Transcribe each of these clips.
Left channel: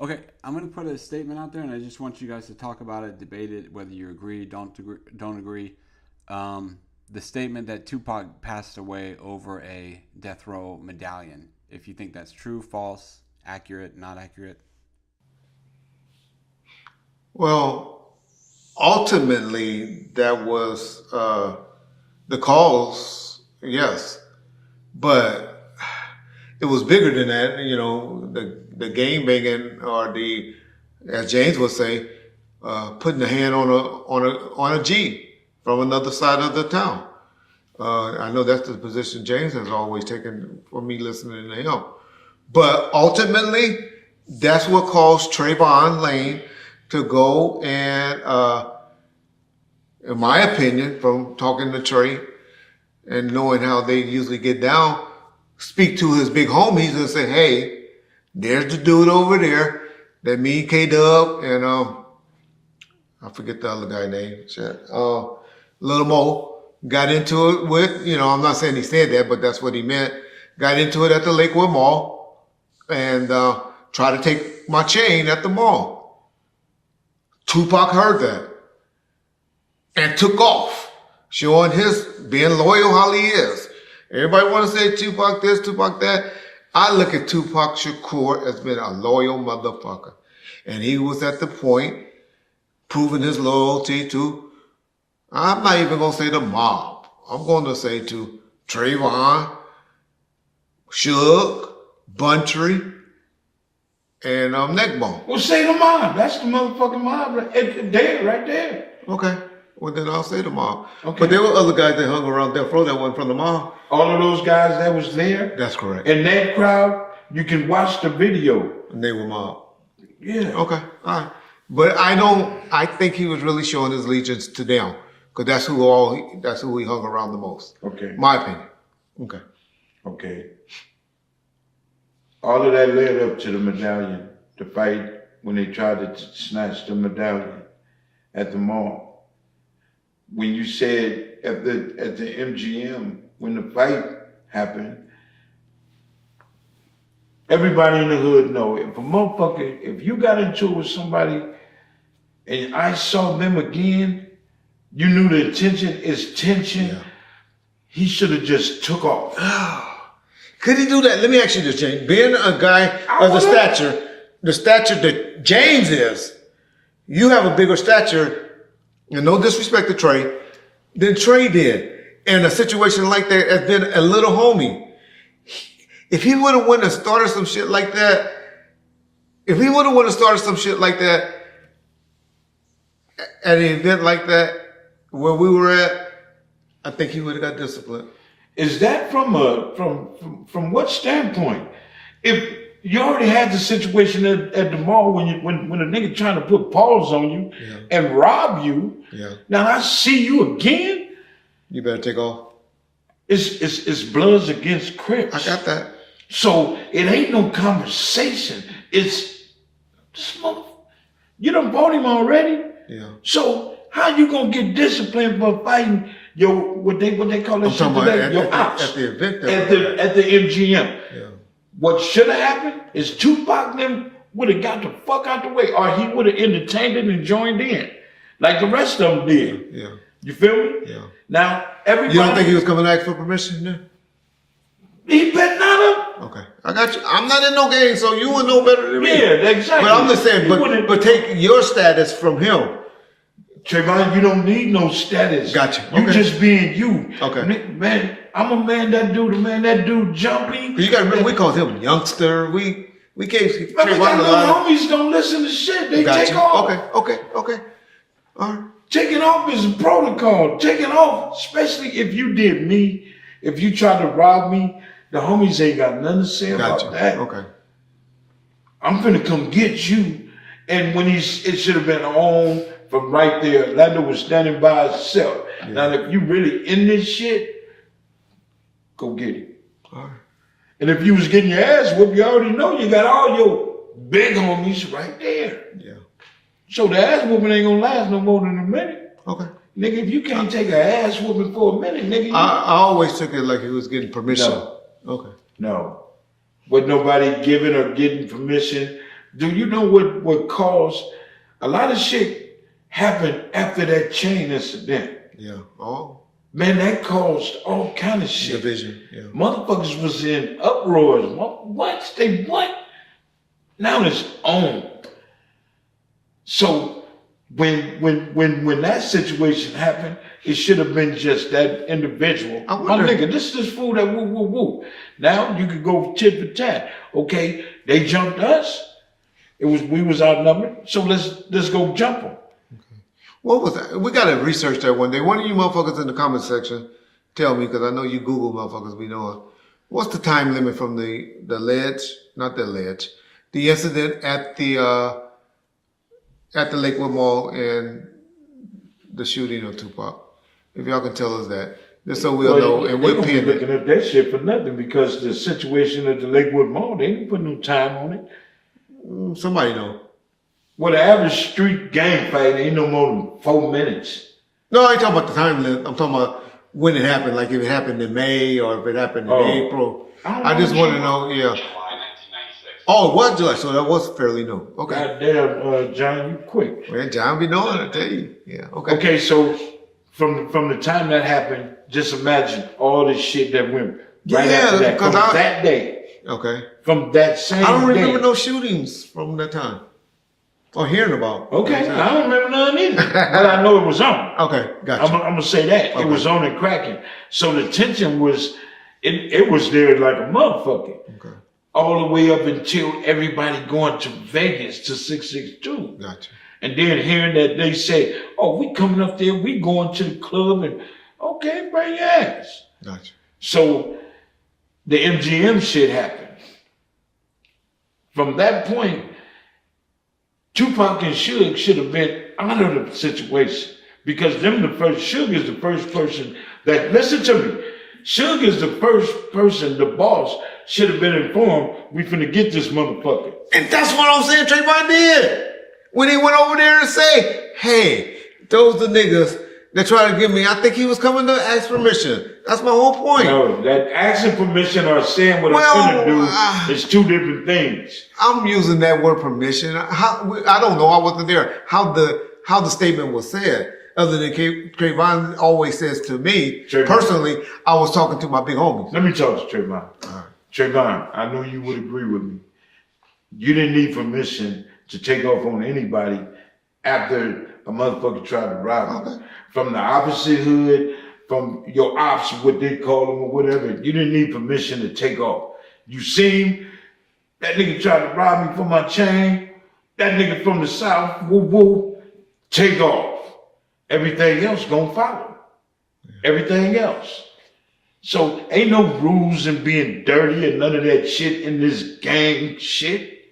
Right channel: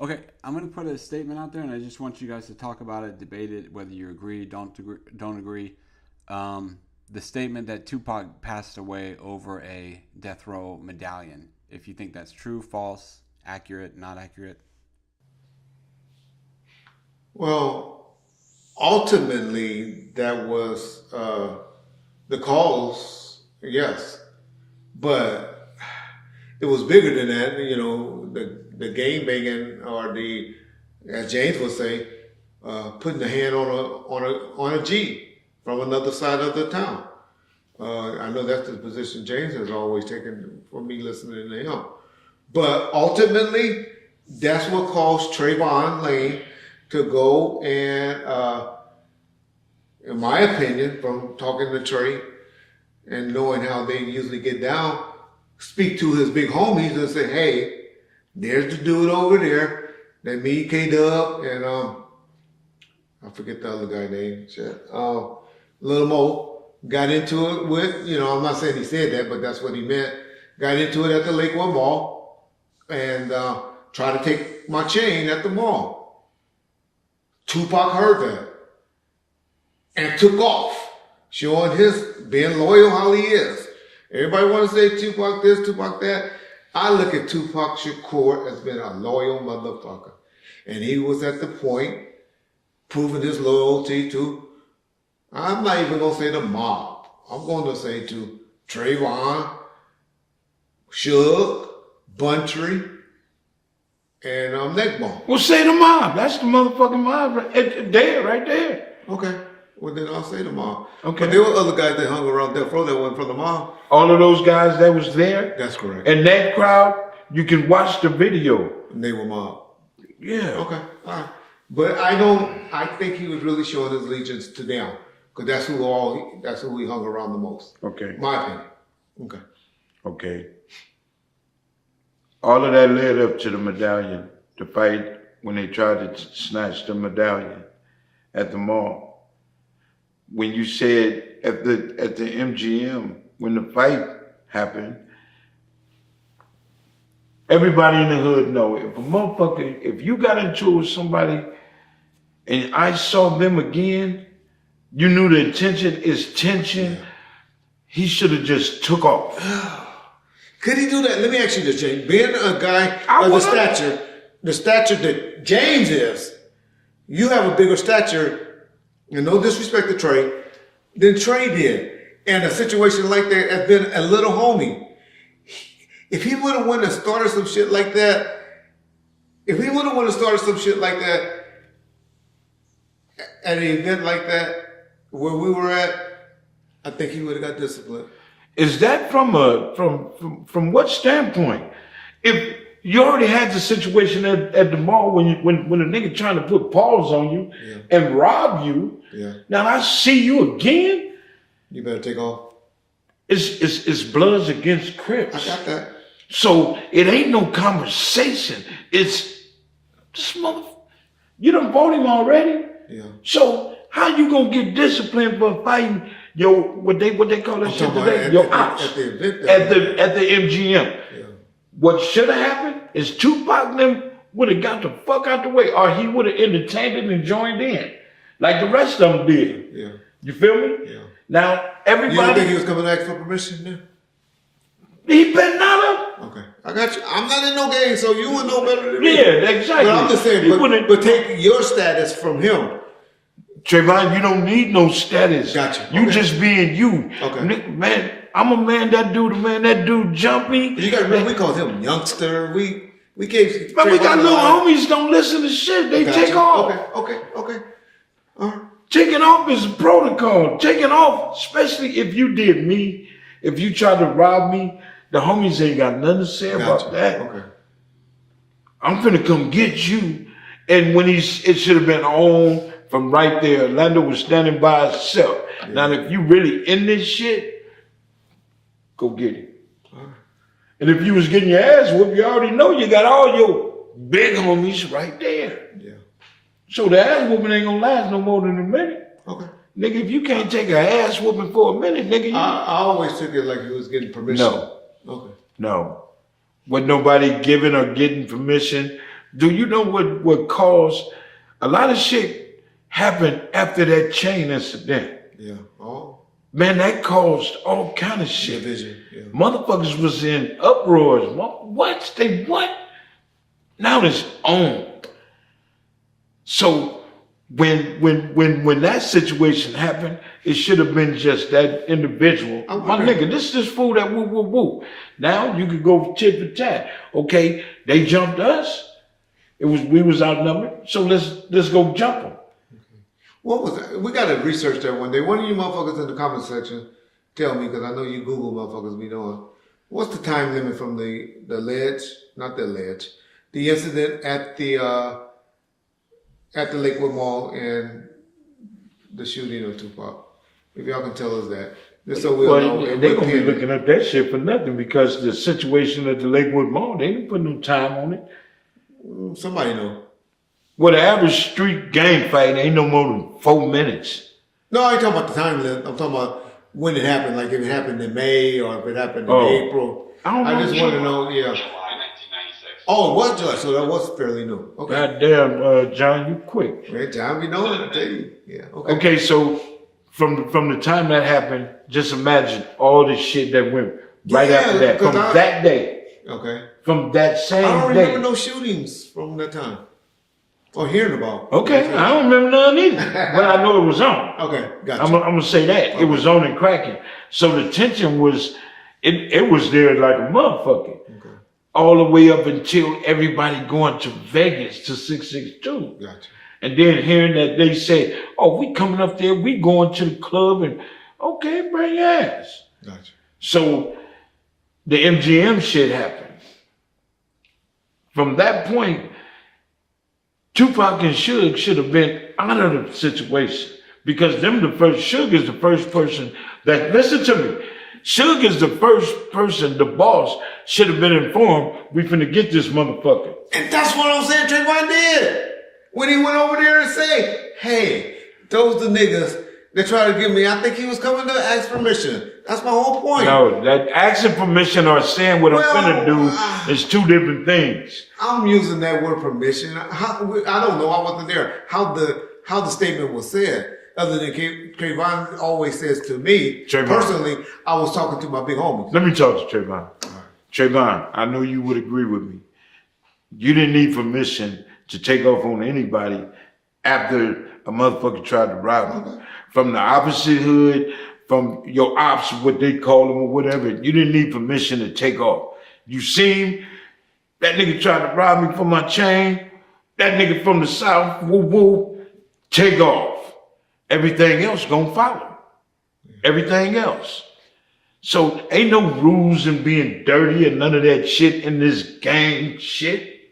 Okay, I'm going to put a statement out there, and I just want you guys to talk about it, debate it, whether you agree, don't agree. The statement that Tupac passed away over a death row medallion. If you think that's true, false, accurate, not accurate. Well, ultimately, that was the cause, yes, but it was bigger than that. You know, the game banging, or the, as James would say, putting a hand on a G from another side of the town. I know that's the position James has always taken for me listening to him. But ultimately, that's what caused Trayvon Lane to go and, in my opinion, from talking to Trey and knowing how they usually get down, speak to his big homies and say, hey, there's the dude over there that me, K-Dub, and I forget the other guy name, Little Mo, got into it with, I'm not saying he said that, but that's what he meant. Got into it at the Lakewood Mall and tried to take my chain at the mall. Tupac heard that and took off, showing his being loyal how he is. Everybody want to say Tupac this, Tupac that. I look at Tupac Shakur as being a loyal motherfucker. And he was at the point proving his loyalty to, I'm not even going to say the mob. I'm going to say to Trayvon, Suge, Buntry, and Neckbone. Well, say the mob. That's the motherfucking mob right there. Okay. Well, then I'll say the mob. Okay. But there were other guys that hung around Deathrow that went from the mob. All of those guys that was there. That's correct. And that crowd, you can watch the video. And they were mob. Yeah. Okay. All right. But I think he was really showing his allegiance to them. Because that's who he hung around the most. Okay. My opinion. Okay. Okay. All of that led up to the medallion, the fight when they tried to snatch the medallion at the mall. When you said at the MGM, when the fight happened, everybody in the hood know if a motherfucker, if you got into it with somebody and I saw them again, you knew the intention is tension. Yeah. He should have just took off. Could he do that? Let me ask you this, James. Being a guy of the stature that James is, you have a bigger stature, and no disrespect to Trey, than Trey did. In a situation like that, has been a little homie. If he would have wanted to start some shit like that, at an event like that, where we were at, I think he would have got disciplined. Is that from what standpoint? If you already had the situation at the mall when a nigga trying to put paws on you and rob you, now I see you again. You better take off. It's Bloods against Crips. I got that. So it ain't no conversation. It's this mother. You done bought him already. Yeah. So how you gonna get disciplined for fighting what they call it? Your ops at the event. At the MGM. Yeah. What should have happened is Tupac them would have got the fuck out the way, or he would have entertained it and joined in, like the rest of them did. Yeah. You feel me? Yeah. Now everybody. You don't think he was coming back for permission then? He better not have. Okay, I got you. I'm not in no game, so you would know better than me. Yeah, exactly. But I'm just saying, but take your status from him. Trayvon, you don't need no status. Gotcha. You just being you. Okay. Man, I'm a man, that dude jumpy. You got to remember, we call him youngster. We gave Man, we got little homies don't listen to shit. They take off. Okay. All right. Taking off is a protocol. Taking off, especially if you did me, if you tried to rob me, the homies ain't got nothing to say about that. Okay. I'm finna come get you. And when it should have been on from right there, Orlando was standing by himself. Yeah. Now, if you really in this shit, go get him. All right. And if you was getting your ass whooped, you already know you got all your big homies right there. Yeah. So the ass whooping ain't gonna last no more than a minute. Okay. Nigga, if you can't take an ass whooping for a minute, nigga. I always took it like he was getting permission. No. Okay. No. With nobody giving or getting permission, Do you know what caused a lot of shit happened after that chain incident? Yeah. Oh. Man, that caused all kind of shit. Division. Yeah. Motherfuckers was in uproars. What? They what? Now it's on. So when that situation happened, it should have been just that individual. My nigga, this is fool that woo woo woo. Now you could go tit for tat. Okay, they jumped us. We was outnumbered. So let's go jump them. What was that? We gotta research that one day. One of you motherfuckers in the comment section, tell me, because I know you Google motherfuckers we know. What's the time limit from the ledge? Not the ledge. The incident at the Lakewood Mall and the shooting of Tupac. If y'all can tell us that, just so we'll know. And they gonna be looking up that shit for nothing because the situation at the Lakewood Mall, they didn't put no time on it. Somebody know. Well, the average street gang fight ain't no more than 4 minutes. No, I ain't talking about the time limit. I'm talking about when it happened. Like if it happened in May or if it happened in April. I just want to know. Yeah. Oh, it was July, so that was fairly new. Okay. Goddamn, John, you quick. Man, John be knowing, I tell you. Yeah. Okay. Okay, so from the time that happened, just imagine all the shit that went right after that. From that day. Okay. From that same day. I don't remember no shootings from that time. Or hearing about. Okay, I don't remember none either. But I know it was on. Okay, gotcha. I'm gonna say that. Okay. It was on and cracking. So the tension was, it was there like a motherfucker. Okay. All the way up until everybody going to Vegas to 662. Gotcha. And then hearing that they say, oh, we coming up there, we going to the club and, okay, bring your ass. Gotcha. So the MGM shit happened. From that point, Tupac and Suge should have been out of the situation because Suge is the first person that, listen to me, Suge is the first person, the boss, should have been informed, we finna get this motherfucker. And that's what I'm saying Trayvon did. When he went over there and said, hey, those the niggas that try to give me, I think he was coming to ask permission. That's my whole point. No, that asking permission or saying what I'm finna do is two different things. I'm using that word permission. I don't know. I wasn't there. How the statement was said. Other than Trayvon always says to me, personally, I was talking to my big homie. Let me talk to Trayvon. Right. Trayvon, I know you would agree with me. You didn't need permission to take off on anybody after a motherfucker tried to rob you. From the opposite hood, from your ops, what they call them or whatever, you didn't need permission to take off. You see him, that nigga tried to rob me for my chain, that nigga from the south, woo woo, take off. Everything else gonna follow. Everything else. So ain't no rules in being dirty and none of that shit in this gang shit.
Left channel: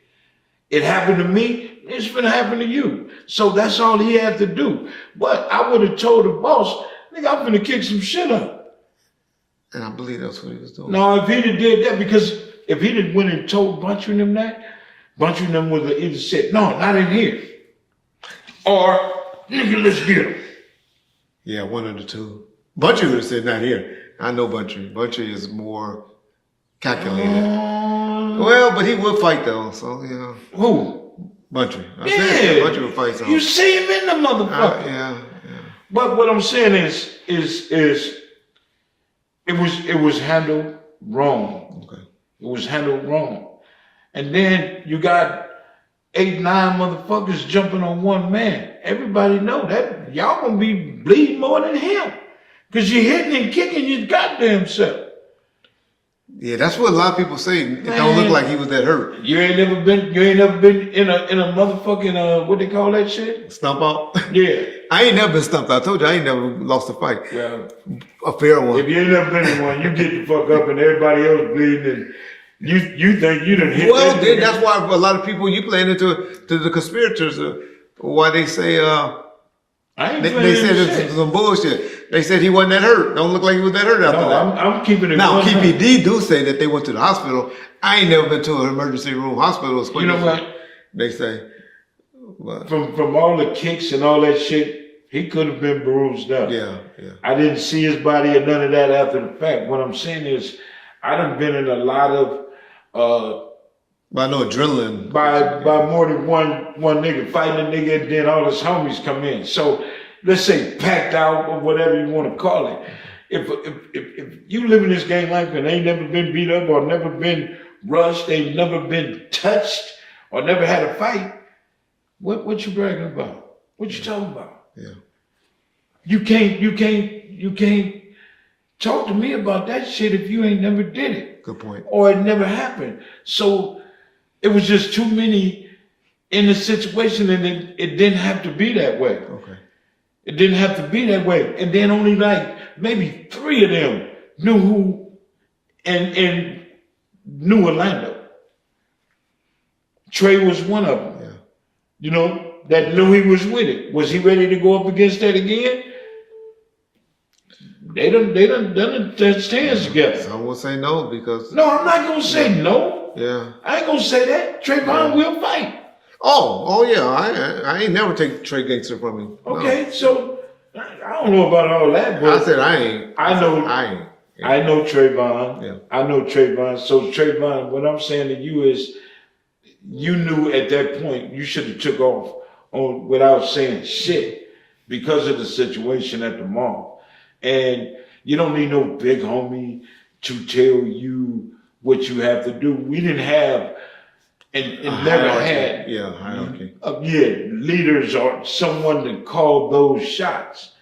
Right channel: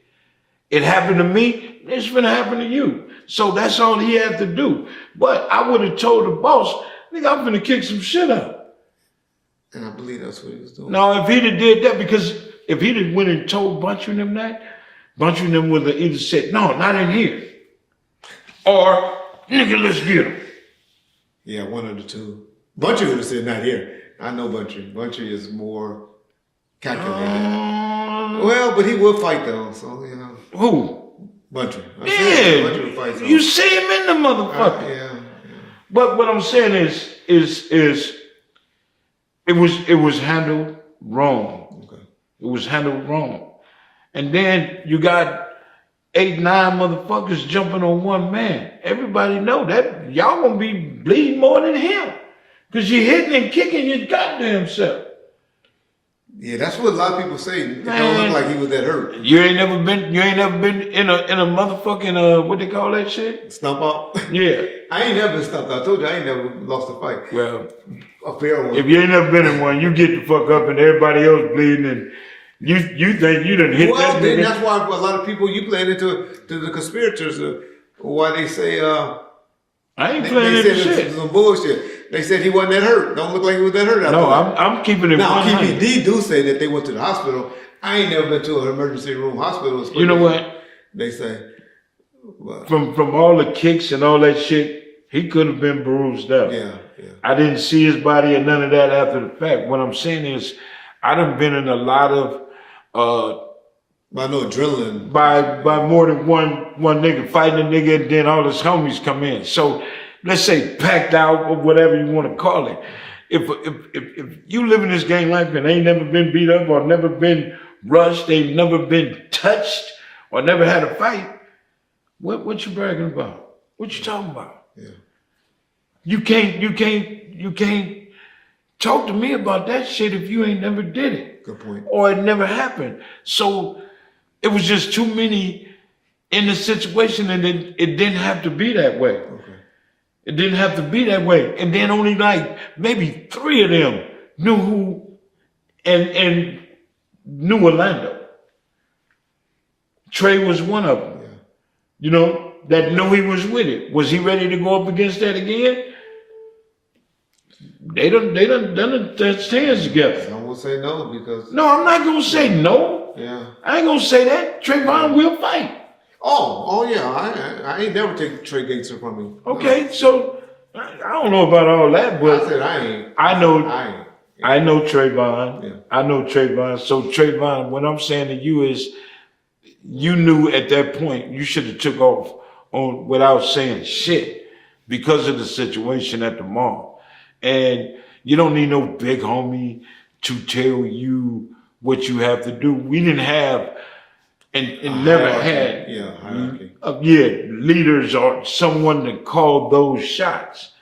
It happened to me, it's gonna happen to you. So that's all he had to do. But I would have told the boss, nigga, I'm gonna kick some shit up. And I believe that's what he was doing. No, if he'd have did that, because if he'd have went and told Bunchy and them that, Bunchy and them would have either said, no, not in here. Or, nigga, let's get him. Yeah, one of the two. Bunchy would have said, not here. I know Bunchy. Bunchy is more calculated. Well, but he would fight though, so yeah. Who? Bunchy. Yeah. Bunchy would fight. So. You see him in the motherfucker. Yeah. But what I'm saying is it was handled wrong. Okay. It was handled wrong. And then you got 8, 9 motherfuckers jumping on one man. Everybody know that y'all gonna be bleeding more than him. Cause you hitting and kicking your goddamn self. Yeah, that's what a lot of people say. It don't look like he was that hurt. You ain't never been in a motherfucking what they call that shit? Stump out? Yeah. I ain't never been stumped out. I told you I ain't never lost a fight. Well, a fair one. If you ain't never been in one, you get the fuck up and everybody else bleeding and you think you done hit that. Well, that's why a lot of people, you playing into the conspirators, why they say, I ain't they said it's some bullshit. They said he wasn't that hurt. Don't look like he was that hurt out there. No, I'm keeping it. Now, PPD do say that they went to the hospital. I ain't never been to an emergency room hospital. You know what? They say. But from all the kicks and all that shit, he could have been bruised up. Yeah. I didn't see his body and none of that after the fact. What I'm saying is, I done been in a lot of But I know adrenaline. By more than one nigga fighting a nigga, and then all his homies come in. So let's say packed out or whatever you want to call it. If you live in this gang life and ain't never been beat up or never been rushed, ain't never been touched or never had a fight, what you bragging about? What you talking about? Yeah. You can't talk to me about that shit if you ain't never did it. Good point. Or it never happened. So it was just too many in the situation, and it didn't have to be that way. Okay. It didn't have to be that way. And then only like maybe 3 of them knew who and knew Orlando. Trey was one of them. Yeah. You know, that knew he was with it. Was he ready to go up against that again? They done touched hands together. Some will say no because. No, I'm not gonna say no. Yeah. I ain't gonna say that. Trayvon will fight. Oh yeah. I ain't never take Trey Gangster from him. Okay, so I don't know about all that, but I said I ain't. I know. I ain't. I know Trayvon. Yeah. I know Trayvon. So Trayvon, what I'm saying to you is, you knew at that point you should have took off on without saying shit because of the situation at the mall. And you don't need no big homie to tell you what you have to do. We didn't have and never had hierarchy. leaders or someone to call those shots.